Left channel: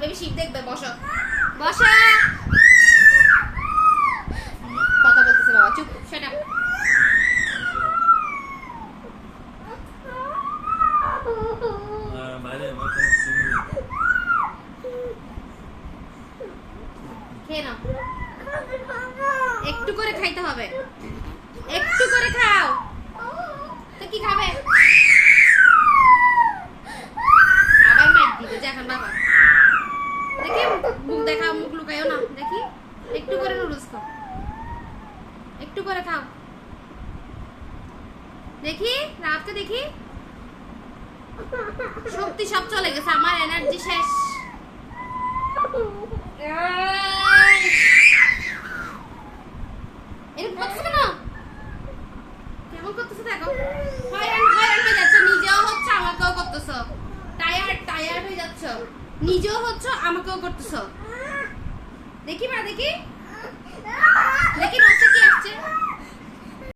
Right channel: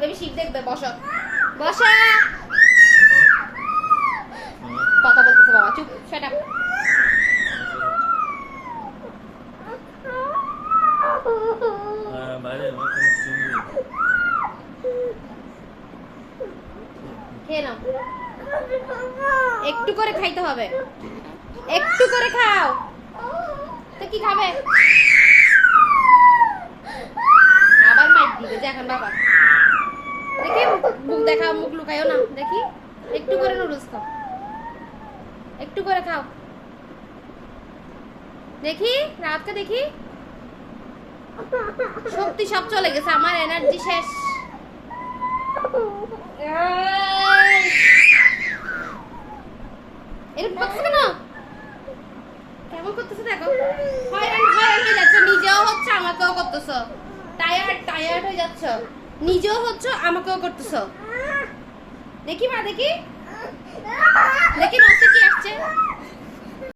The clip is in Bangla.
বেবি শিখ দেখবে, বসো বসো। কথা বলতেছে বাবা, চুপ, শাট আপ। খেয়ে নাও, একটু করে খাইতে হবে, একটু করে খাও। তো কি খাবে? আবার মাইক দিবে যে এখন বাবা। দেখি মুখ দেখাও, মুখ লুকাইও না, দেখি একটু করে নুডলস খাও, একটু করে খাও, দেখি রাতকে দেখি। শক্তি সব চলে গেছে, আমার এনার্জি শেষ। কেমন করতেছে দেখো, হয়রান হয়রান হয়ে যাচ্ছে, নিজেও হচ্ছে আমাকেও করতেছো, টায়ার্ড হয়ে যাচ্ছ, নিজেও হচ্ছে আমাকেও করতেছো। দেখি মা, দেখি দেখি নচ্ছে কি আসছে।